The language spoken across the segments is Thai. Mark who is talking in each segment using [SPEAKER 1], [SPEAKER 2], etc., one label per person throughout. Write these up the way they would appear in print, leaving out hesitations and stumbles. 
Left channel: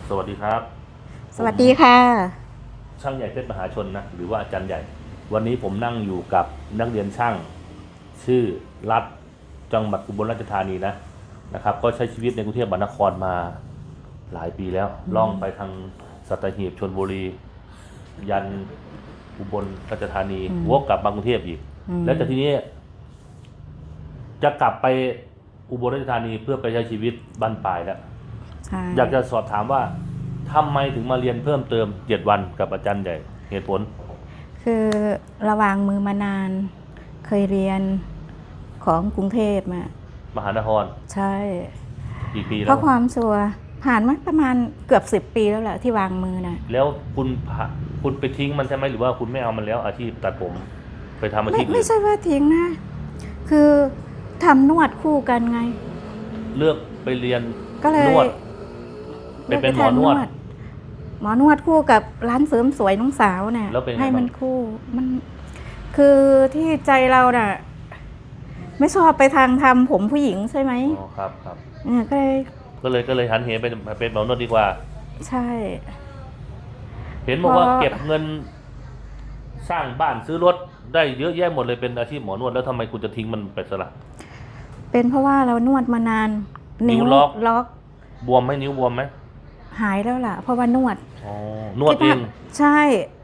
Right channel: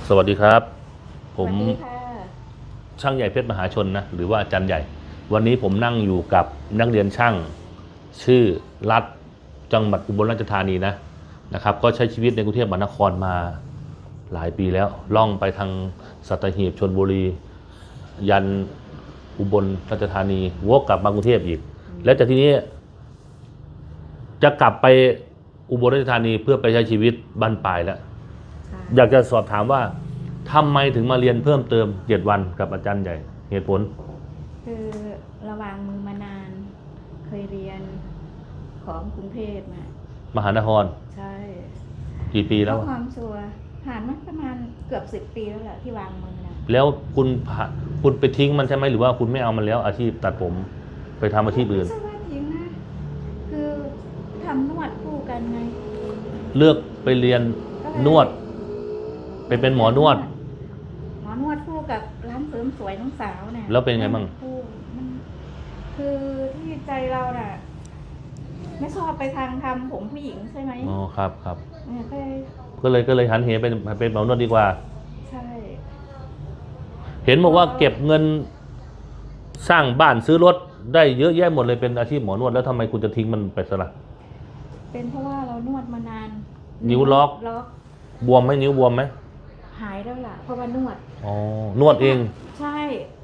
[SPEAKER 1] สวัสดีครับ
[SPEAKER 2] สวัสดีค่ะ
[SPEAKER 1] ช่างใหญ่เพชรมหาชนนะหรือว่าอาจารย์ใหญ่วันนี้ผมนั่งอยู่กับนักเรียนช่างชื่อรัฐจังหวัดอุบลราชธานีนะครับก็ใช้ชีวิตในกรุงเทพมหานครมาหลายปีแล้วล่องไปทางสัตหีบชลบุรียันอุบลราชธานีวกกลับมากรุงเทพอีกแล้วจากที่นี้จะกลับไปอุบลราชธานีเพื่อไปใช้ชีวิตบ้านปลายแล้วอยากจะสอบถามว่าทำไมถึงมาเรียนเพิ่มเติม7 วันกับอาจารย์ใหญ่เหตุผล
[SPEAKER 2] คือระวางมือมานานเคยเรียนของกรุงเทพ
[SPEAKER 1] มหานคร
[SPEAKER 2] ใช่
[SPEAKER 1] กี่ปีแล้ว
[SPEAKER 2] เพราะความชัวผ่านมาประมาณเกือบ10 ปีแล้วแหละที่วางมือนะ
[SPEAKER 1] แล้วคุณไปทิ้งมันใช่ไหมหรือว่าคุณไม่เอามันแล้วอาชีพตัดผมไปทำอาชีพอื่น
[SPEAKER 2] ไม่ใช่ว่าทิ้งนะคือทำนวดคู่กันไง
[SPEAKER 1] เลือกไปเรียนนวดเป็นหมอนวด
[SPEAKER 2] คู่กับร้านเสริมสวยน้องสาวน่ะ
[SPEAKER 1] แล้วเป็นไง
[SPEAKER 2] ให้มันคู่มันคือที่ใจเราน่ะไม่ชอบไปทางทำผมผู้หญิงใช่ไหม
[SPEAKER 1] อ๋อครับ
[SPEAKER 2] ก็
[SPEAKER 1] เลยหันเหเป็นหมอนวดดีกว่า
[SPEAKER 2] ใช่
[SPEAKER 1] เห็นบอกว่าเก็บเงินสร้างบ้านซื้อรถได้เยอะแยะหมดเลยเป็นอาชีพหมอนวดแล้วทำไมคุณจะทิ้งมันไปซะล่ะ
[SPEAKER 2] เป็นเพราะว่าเรานวดมานาน
[SPEAKER 1] นิ้วล็อกบวมไหมนิ้วบวมไหม
[SPEAKER 2] หายแล้วล่ะเพราะว่านวด
[SPEAKER 1] นวดเอง
[SPEAKER 2] ใช่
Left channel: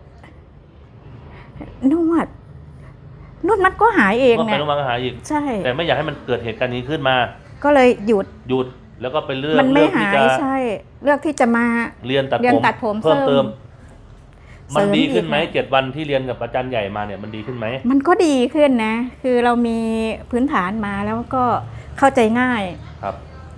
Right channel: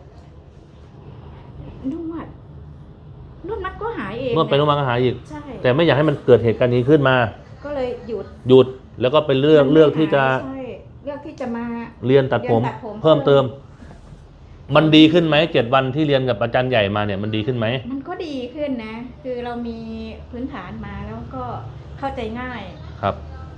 [SPEAKER 2] นวดมันก็หายเอง
[SPEAKER 1] นวดไปนวดมาก็หายอีก
[SPEAKER 2] ใช่
[SPEAKER 1] แต่ไม่อยากให้มันเกิดเหตุการณ์นี้ขึ้นมาก็
[SPEAKER 2] เลยหยุด
[SPEAKER 1] แล้วก็ไปเลือกที่จะ
[SPEAKER 2] ใช่เลือกที่จะมา
[SPEAKER 1] เรียนตัดผมเพิ่มเติมมันดีขึ้นไหม7 วันที่เรียนกับอาจารย์ใหญ่มาเนี่ยมันดีขึ้นไหม
[SPEAKER 2] มันก็ดีขึ้นนะคือเรามีพื้นฐานมาแล้วก็เข้าใจง่าย
[SPEAKER 1] ครับ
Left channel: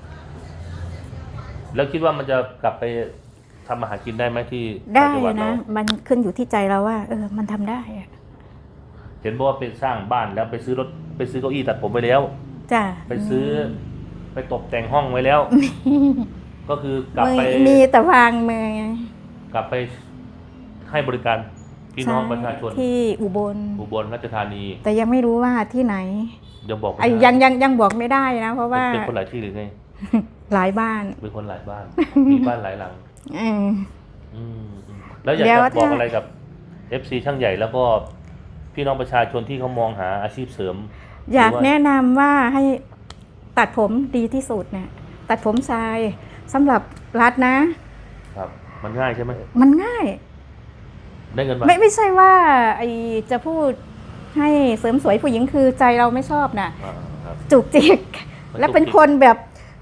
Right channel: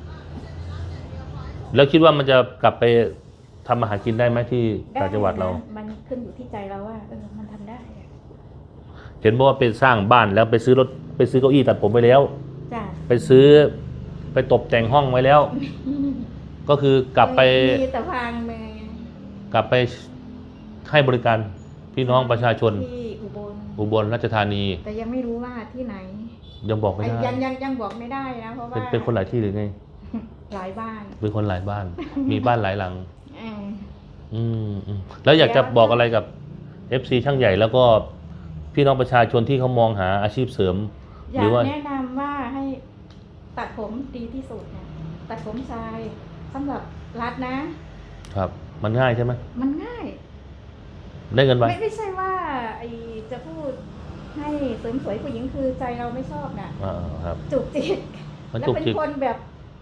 [SPEAKER 1] แล้วคิดว่ามันจะกลับไปทำอาหารกินได้ไหมที่
[SPEAKER 2] ต่างจังหวัดเราได้นะมันขึ้นอยู่ที่ใจเราว่ามันทำได้
[SPEAKER 1] เห็นบอกว่าไปสร้างบ้านแล้วไปซื้อเก้าอี้ตัดผมไปแล้ว
[SPEAKER 2] จ้ะ
[SPEAKER 1] ไปตกแต่งห้องไว้แล้วก็คือกลับไป
[SPEAKER 2] มีแต่วางมื
[SPEAKER 1] อกลับไปให้บริการพี่น้องประชาชน
[SPEAKER 2] ที่อุบล
[SPEAKER 1] ราชธานี
[SPEAKER 2] แต่ยังไม่รู้ว่าที่ไหน
[SPEAKER 1] ยังบอก
[SPEAKER 2] ยังบอกไม่ได้นะเพราะว่า
[SPEAKER 1] เป็นคนหลายที่หรือไง
[SPEAKER 2] หลายบ้าน
[SPEAKER 1] เป็นคนหลายบ้านมีบ้านหลายหลังแล้วอยากจะบอกอะไรกับ FC ช่างใหญ่แล้วก็พี่น้องประชาชนที่เขามองหาอาชีพเสริม
[SPEAKER 2] อยากแนะนำว่าให้ตัดผมดีที่สุดเนี่ยตัดผมชายสำหรับรัฐนะครับ
[SPEAKER 1] มันง่ายใช่ไหม
[SPEAKER 2] มันง่าย
[SPEAKER 1] ได้เงินไหม
[SPEAKER 2] ไม่ใช่ว่าจะพูดให้เสริมสวยผู้หญิงคือใจเราไม่ชอบนะจุกจิกและเป็นคนแบบ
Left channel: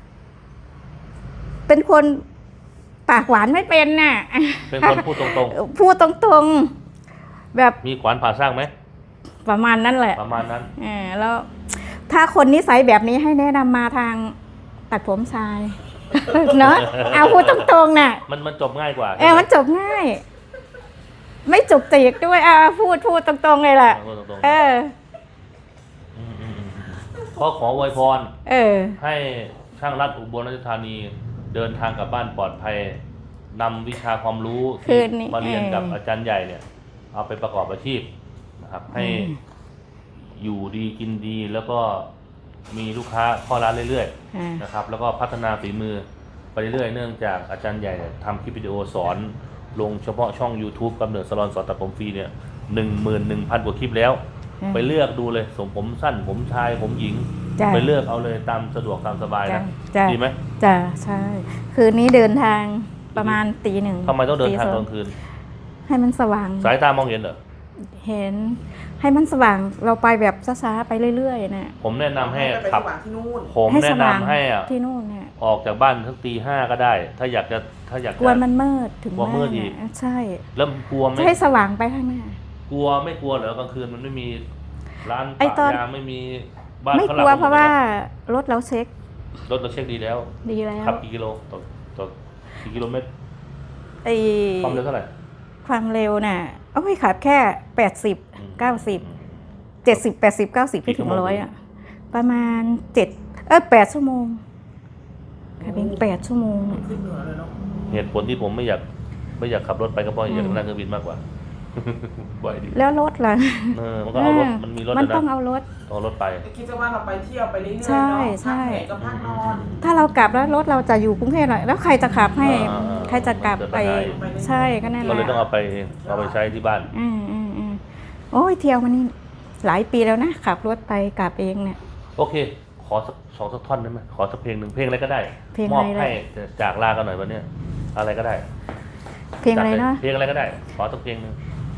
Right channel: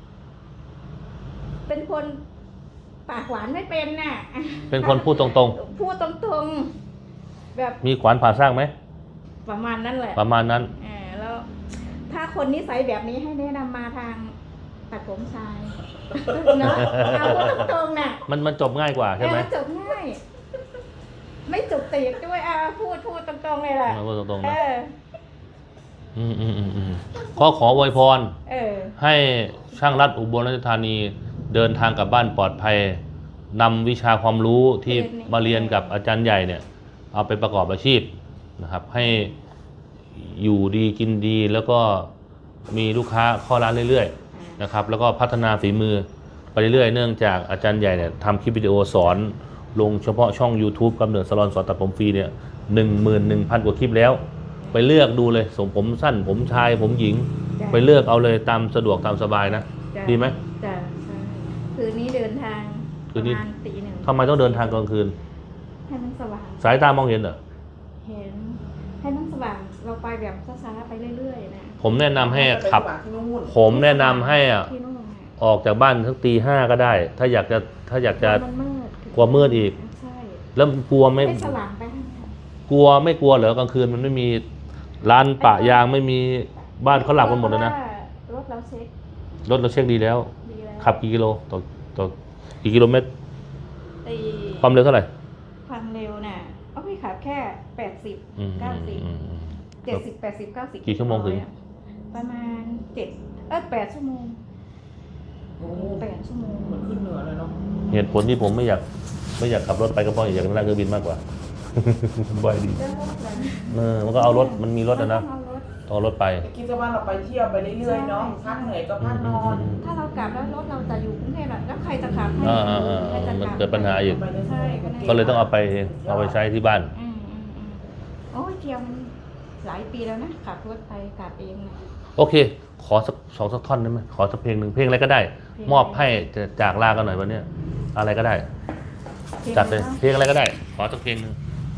[SPEAKER 2] เป็นคนปากหวานไม่เป็นน่ะ
[SPEAKER 1] เป็นคนพูดตรง
[SPEAKER 2] ๆแบบ
[SPEAKER 1] มีขวานผ่าสร้างไหม
[SPEAKER 2] ประมาณนั้นแหละ
[SPEAKER 1] ประมาณนั้น
[SPEAKER 2] แล้วถ้าคนนิสัยแบบนี้ให้แนะนำมาทางตัดผมชายเนาะเอาพูดตรงๆน่ะ
[SPEAKER 1] มันจบง่ายกว่า
[SPEAKER 2] มันจบง่ายไม่จุกจิกด้วยพูดตรงๆเลยแหละ
[SPEAKER 1] ขออวยพรให้ช่างรัฐอุบลราชธานีเดินทางกลับบ้านปลอดภัยนำวิชาความรู้ที่มาเรียนกับอาจารย์ใหญ่เนี่ยเอาไปประกอบอาชีพนะครับให้อยู่ดีกินดีแล้วก็มีลูกค้าเข้าร้านเรื่อยๆนะครับแล้วก็พัฒนาฝีมือไปเรื่อยๆเนื่องจากอาจารย์ใหญ่เนี่ยทำคลิปวิดีโอสอนลงเฉพาะช่อง YouTube กำเนิดสลอนสอนตัดผมฟรีเนี่ย 11,000 กว่าคลิปแล้วไปเลือกดูเลยผมสั้นผมชายผมหญิงไปเลือกเอาเลยตามสะดวกตามสบายนะดีไหม
[SPEAKER 2] จ้ะใช่คืนนี้เดินทางประมาณตี 1
[SPEAKER 1] ทำไมต้องเดินทางกลางคืน
[SPEAKER 2] ให้มันสว่าง
[SPEAKER 1] สายตามองเห็นเหรอ
[SPEAKER 2] เห็นให้มันสว่างเราไปแบบช้าๆไปเรื่อยๆนะ
[SPEAKER 1] ผมแนะนำให้ขับผมแนะนำให้
[SPEAKER 2] ที่นู่น
[SPEAKER 1] ออกจากบ้านสักตี 5ก็ได้ถ้าอยากจะ
[SPEAKER 2] กลัวมันมืด
[SPEAKER 1] กลัวมืดอีก
[SPEAKER 2] ใช่
[SPEAKER 1] แล้วกลัวไม่
[SPEAKER 2] ให้สว่างไปข้างหน้าก
[SPEAKER 1] ลัวไม่กลัวเหรอกลางคืนมันไม่มีร้านปะยางไม่มีบ้านฝรั่ง
[SPEAKER 2] เพราะว่ารถเราเช็ค
[SPEAKER 1] ดีแล้วขับกี่กิโลต่อกี่กิโลเมตรความเร็วเท่าไหร่
[SPEAKER 2] ความเร็วน่ะไม่ขับแค่80 90 70 80 90ไปถึง100ประมาณ8 ชั่วโมง8 ชั่วโมง
[SPEAKER 3] ขึ้นเหนือเลยเนาะ
[SPEAKER 1] เหตุผลที่ผมไม่อยากขับรถไปก็เพราะอยากนั่งเครื่องบินมากกว่าบ่อยดี
[SPEAKER 2] แล้วรถล่ะ
[SPEAKER 1] มันก็เอารถมันมีรถ
[SPEAKER 2] มัน
[SPEAKER 1] นะ
[SPEAKER 2] ต้องเอารถ
[SPEAKER 1] เอารถไป
[SPEAKER 3] คิดว่าเราไปเที่ยวไปเรื่อยๆเนาะ
[SPEAKER 2] ใช่
[SPEAKER 3] พักไหนก็พักนอน
[SPEAKER 2] ถ้าเรากลับแล้วรถเราจะอยู่กรุงเทพหน่อยแล้วใครจะขับให้ ใครจะกลับ
[SPEAKER 1] มันเกิด
[SPEAKER 2] ไป
[SPEAKER 1] ปัญหาอยู่
[SPEAKER 2] ใช่ก็นั่นแหละ
[SPEAKER 1] ก็เลยต้องเอาไปใช้ที่บ้าน
[SPEAKER 2] โอ้ยเที่ยวมันนี่หลายปีแล้วนะขับรถไปกลับเองเนี่ย
[SPEAKER 1] โอเค ขอสักท่อนได้ไหมขอสักเพลงหนึ่งเพลงอะไรก็ได้
[SPEAKER 2] เพลงอะไร
[SPEAKER 1] มอบให้จะจากลากันหน่อยวันเนี้ยอะไรก็ได้
[SPEAKER 2] เพลง
[SPEAKER 1] จั
[SPEAKER 2] อะ
[SPEAKER 1] ด
[SPEAKER 2] ไร
[SPEAKER 1] เลย
[SPEAKER 2] เนาะ
[SPEAKER 1] เพลงอะไรก็ได้ ขอสักเพลงหนึ่ง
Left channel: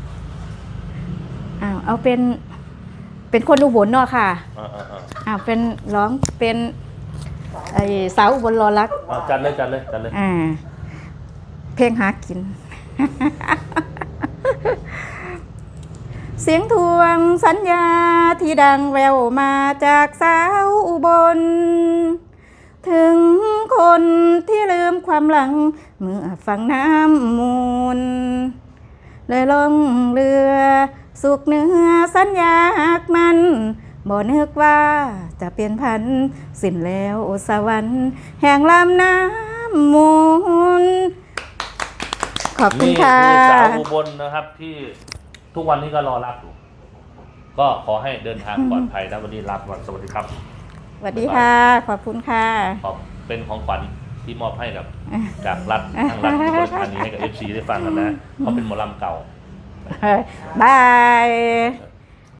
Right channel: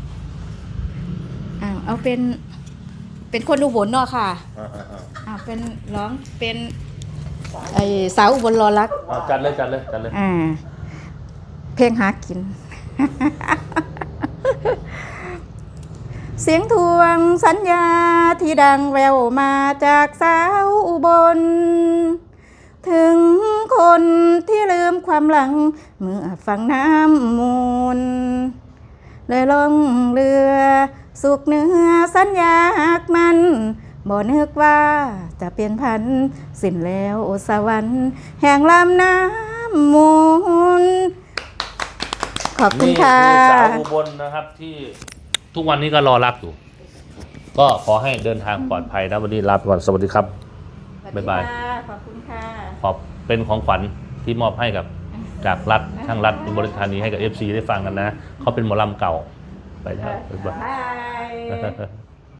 [SPEAKER 2] เอาเป็นคนอุบลเนาะค่ะเป็นร้องเป็นไอสาวอุบลรอรัก
[SPEAKER 1] จัดเลย
[SPEAKER 2] เพลงหากิน เสียงทวงสัญญาที่ดังแววมาจากสาวอุบล ถึงคนที่ลืมความหลังเมื่อฟังน้ำมูลเลยล่องเรือสุกเหนือสัญญาหักมันบ่นึกว่าจะเป็นพันสิ้นแล้วสวรรค์แห่งลำน้ำมูลขอบคุณค่ะ
[SPEAKER 1] นี่คือสาวอุบลนะครับที่ทุกวันนี้ก็รอรับอยู่ ก็ขอให้เดินทางปลอดภัยนะวันนี้ลาไปก่อนสวัสดีครับ
[SPEAKER 2] สวัสดีค่ะ ขอบคุณค่ะ
[SPEAKER 1] ขอบเป็นของขวัญที่มอบให้กับจากรัฐทางรัฐอุบลราชธานีให้กับ FC ได้ฟังกันนะเขาเป็นหมอลำเก่าไปครับ
[SPEAKER 2] บาย